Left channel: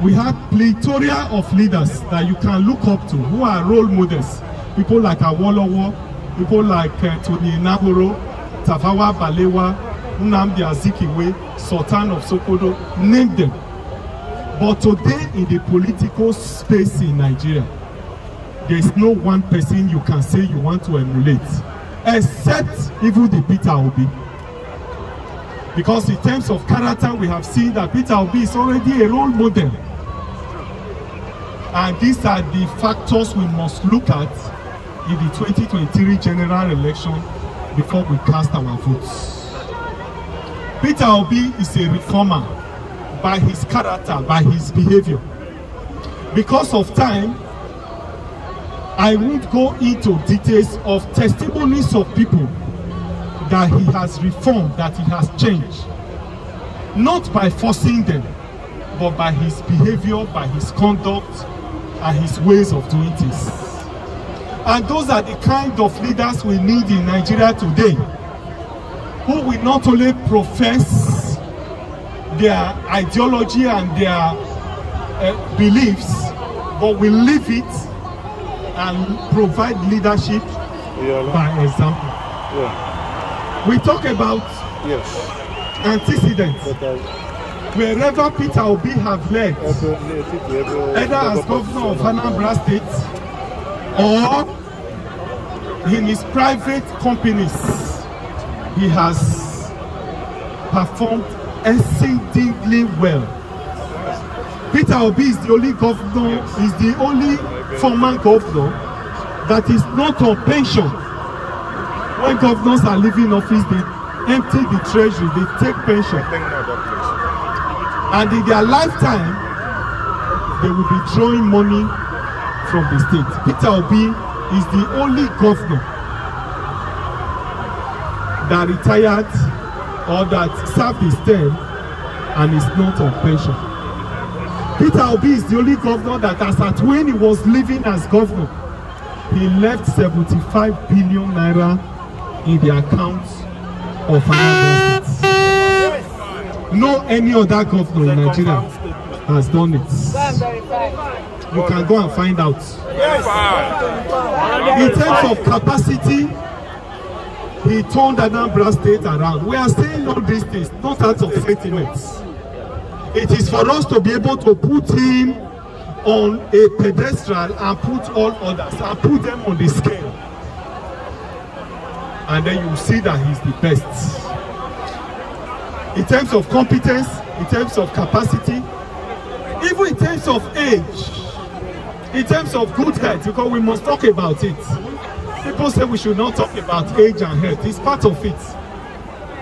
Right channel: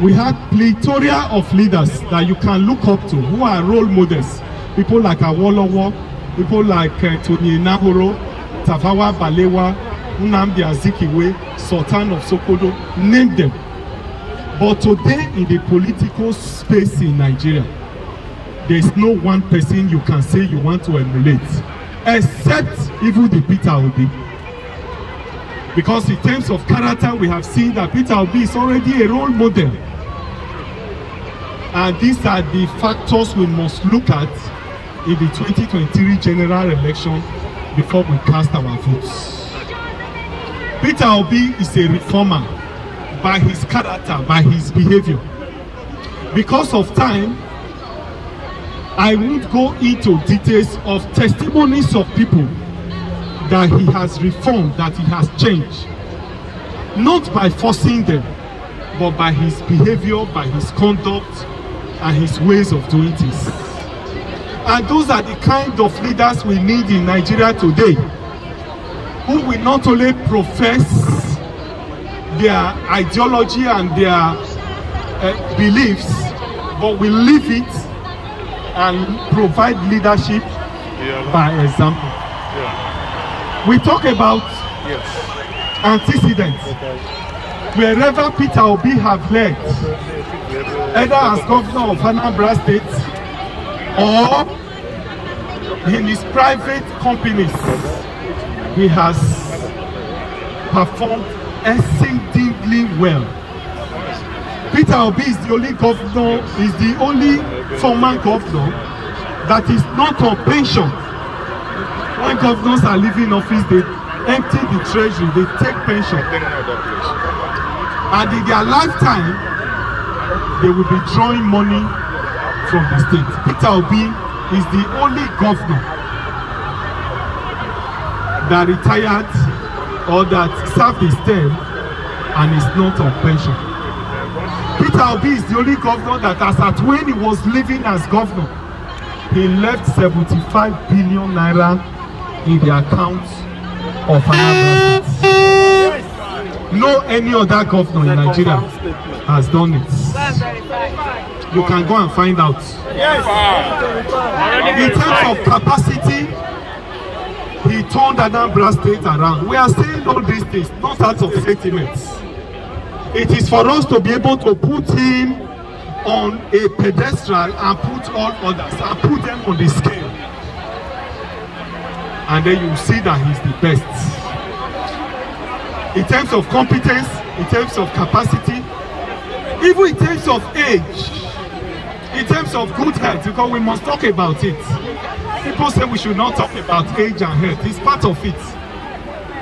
we had plethora of leaders that you can look up to, who are role models. People like Awolowo, people like Tony Nahoro, Tafawa Balewa, Nnamdi Azikiwe, Sultan of Sokoto, name them. But today in the political space in Nigeria, there is no one person you can say you want to emulate, except even the Peter Obi. Because in terms of character, we have seen that Peter Obi is already a role model. And these are the factors we must look at in the 2023 general election before we cast our votes. Peter Obi is a reformer by his character, by his behavior. Because of time, I won't go into details of testimonies of people that he has reformed, that he has changed. Not by forcing them, but by his behavior, by his conduct, and his ways of doing things. And those are the kind of leaders we need in Nigeria today, who will not only profess their ideology and their beliefs, but will live it and provide leadership by example. We talk about antecedents. Wherever Peter Obi have led, either as governor of Anambra State or in his private companies, he has performed exceedingly well. Peter Obi is the only governor, is the only former governor that is not on pension. When governors are leaving office, they empty the treasury, they take pension. And in their lifetime, they will be drawing money from the state. Peter Obi is the only governor that retired or that served his term and is not on pension. Peter Obi is the only governor that, as at when he was living as governor, he left 75 billion naira in the accounts of Anambra State. No any other governor in Nigeria has done it. You can go and find out. In terms of capacity, he turned Anambra State around. We are saying all these things not out of sentiments. It is for us to be able to put him on a pedestal and put all others and put them on the scale. And then you see that he's the best. In terms of competence, in terms of capacity, even in terms of age, in terms of good health, because we must talk about it. People say we should not talk about age and health. It's part of it.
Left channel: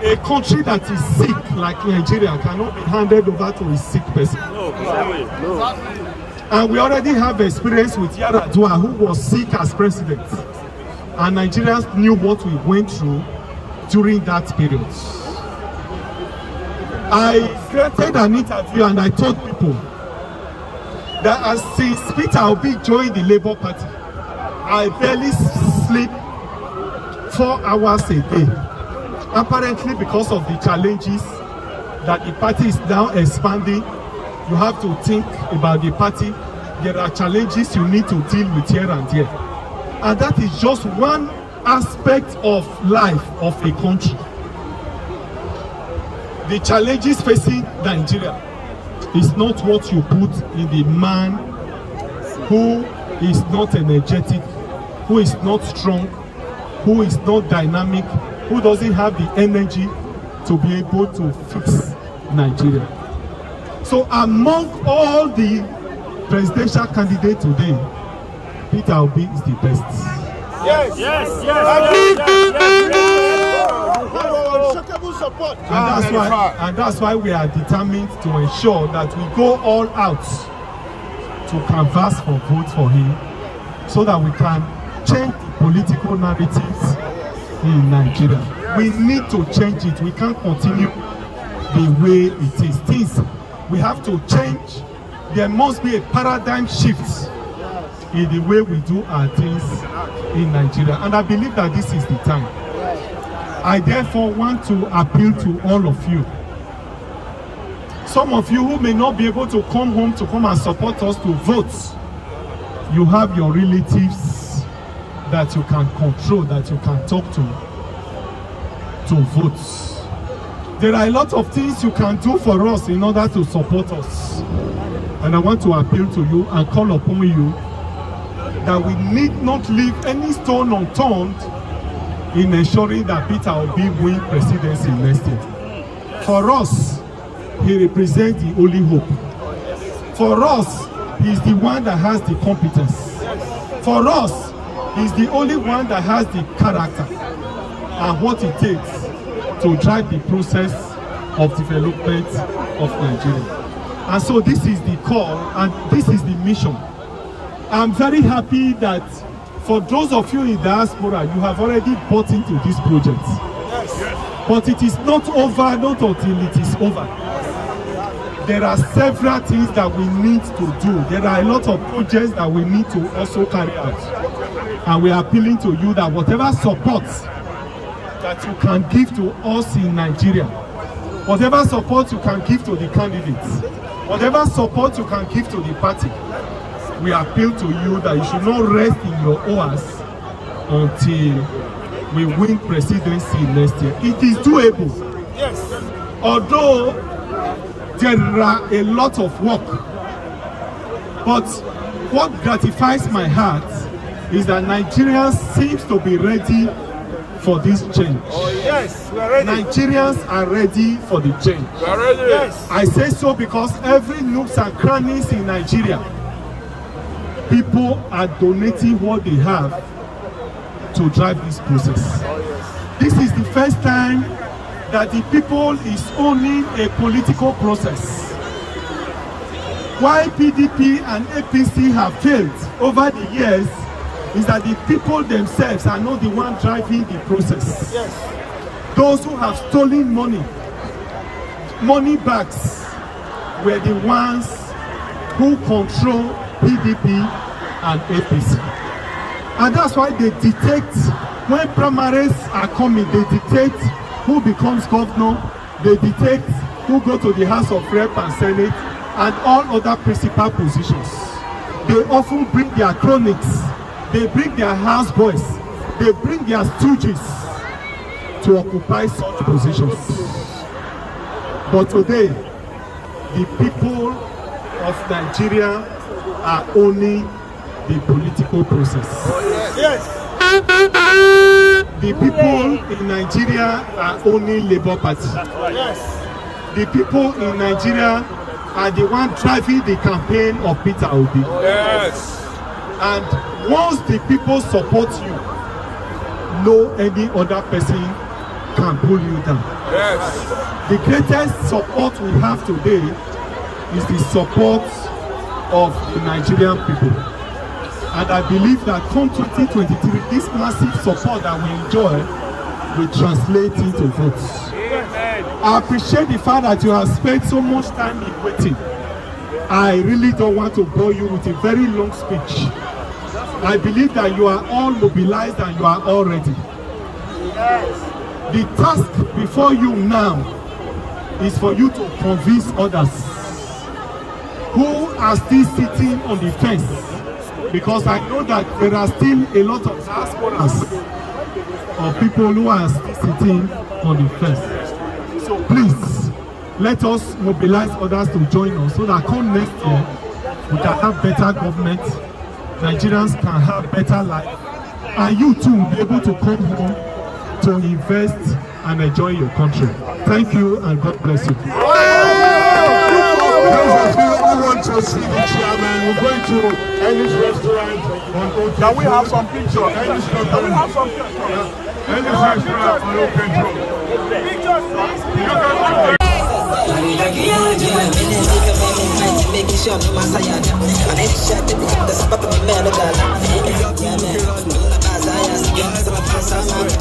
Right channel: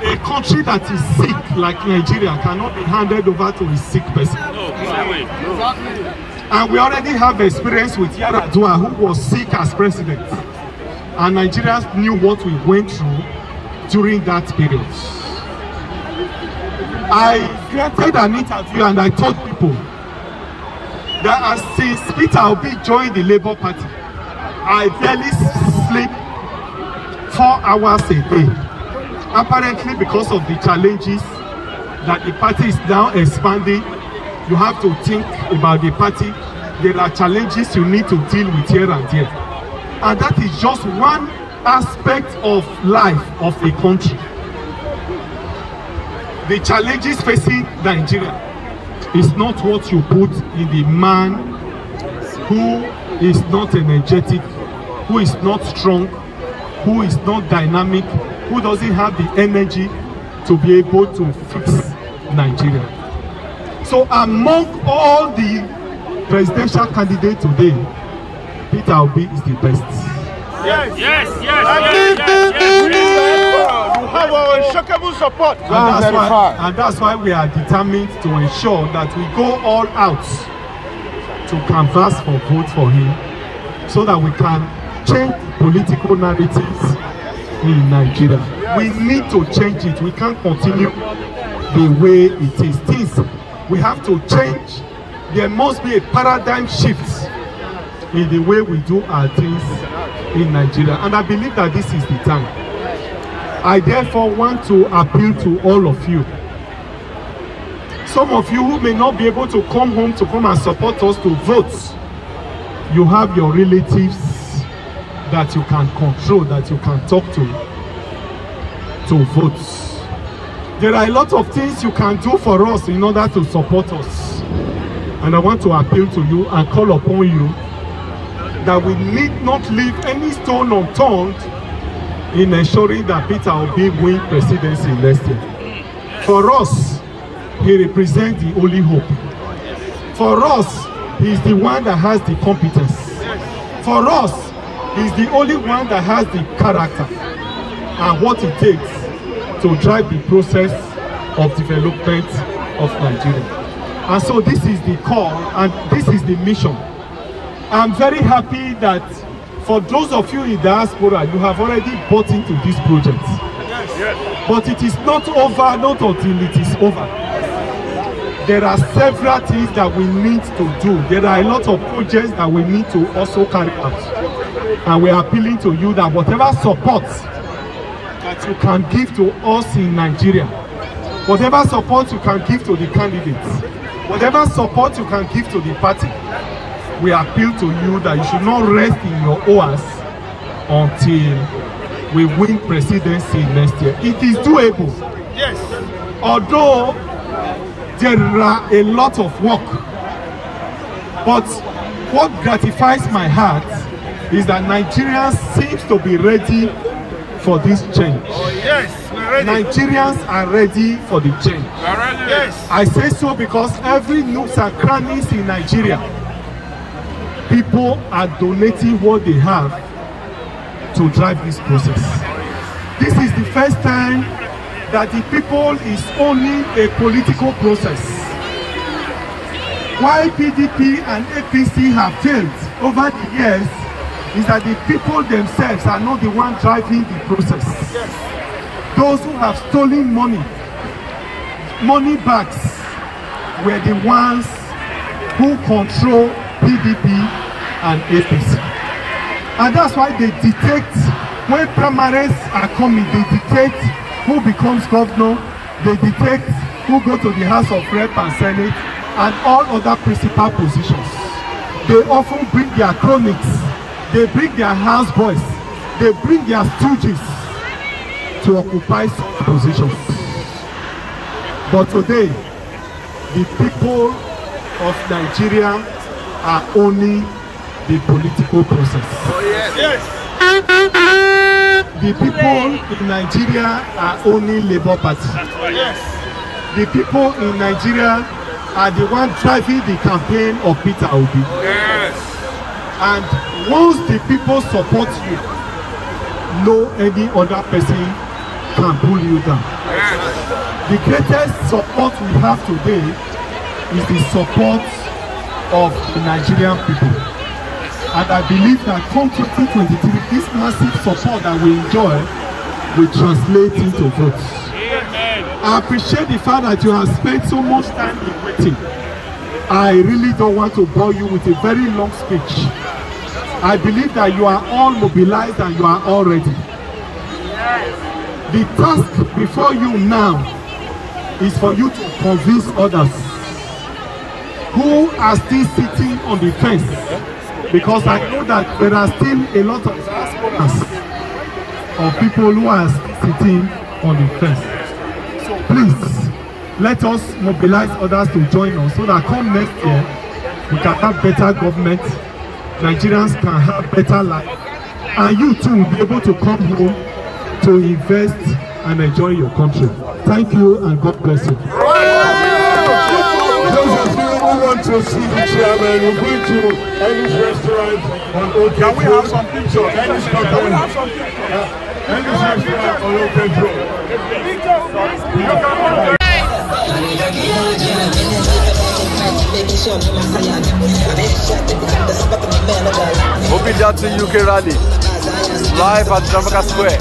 A country that is sick, like Nigeria, cannot be handed over to a sick person. And we already have experience with Yar'Adua, who was sick as president. And Nigerians knew what we went through during that period. I granted an interview and I told people that as since Peter Obi joined the Labour Party, I barely sleep 4 hours a day. Apparently because of the challenges that the party is now expanding, you have to think about the party. There are challenges you need to deal with here and there. And that is just one aspect of life of a country. The challenges facing Nigeria is not what you put in the man who is not energetic, who is not strong, who is not dynamic, who doesn't have the energy to be able to fix Nigeria. So among all the presidential candidates today, Peter Obi is the best. Yes, yes, yes. You have our unshakable support. And that's why we are determined to ensure that we go all out to canvass for vote for him, so that we can change the political narratives in Nigeria. We need to change it. We can't continue the way it is. Things we have to change. There must be a paradigm shift in the way we do our things in Nigeria. And I believe that this is the time. I therefore want to appeal to all of you. some of you who may not be able to come home to come and support us to vote, you have your relatives that you can control, that you can talk to vote. There are a lot of things you can do for us in order to support us. And I want to appeal to you and call upon you that we need not leave any stone unturned in ensuring that Peter Obi win presidency next year. For us, he represents the only hope. For us, he is the one that has the competence. For us, he is the only one that has the character and what it takes to drive the process of development of Nigeria. And so this is the call and this is the mission. I'm very happy that for those of you in diaspora, you have already bought into this project. But it is not over, not until it is over. There are several things that we need to do. There are a lot of projects that we need to also carry out. And we are appealing to you that whatever support that you can give to us in Nigeria, whatever support you can give to the candidates, whatever support you can give to the party, we appeal to you that you should not rest in your oars until we win presidency next year. It is doable. Yes. Although there are a lot of work, but what gratifies my heart is that Nigerians seem to be ready for this change. Yes, we are ready. Nigerians are ready for the change. We are ready. Yes. I say so because every nooks and crannies in Nigeria, people are donating what they have to drive this process. This is the first time that the people is owning a political process. Why PDP and APC have failed over the years is that the people themselves are not the one driving the process. Yes. Those who have stolen money bags, were the ones who control PDP and APC. And that's why they detect, when primaries are coming, they detect who becomes governor, they detect who go to the House of Rep and Senate, and all other principal positions. They often bring their cronies, they bring their houseboys, they bring their stooges to occupy such positions. But today, the people of Nigeria are owning the political process. Yes. The people in Nigeria are owning Labour Party. Yes. The people in Nigeria are the one driving the campaign of Peter Obi. Yes. And once the people support you, no any other person can pull you down. Yes. The greatest support we have today is the support of the Nigerian people. And I believe that come 2023, this massive support that we enjoy will translate into votes. I appreciate the fact that you have spent so much time in waiting. I really don't want to bore you with a very long speech. I believe that you are all mobilized and you are all ready. Yes. The task before you now is for you to convince others who are still sitting on the fence, because I know that there are still a lot of diasporas of people who are still sitting on the fence. So please, let us mobilize others to join us so that come next year, we can have better government, Nigerians can have better life, and you too will be able to come home to invest and enjoy your country. Thank you and God bless you. To see the chairman, we're going to Ellie's restaurant on Old Can we have some pictures? So Ellie's restaurant on Old Abure to UK rally, live at Jamaica Square.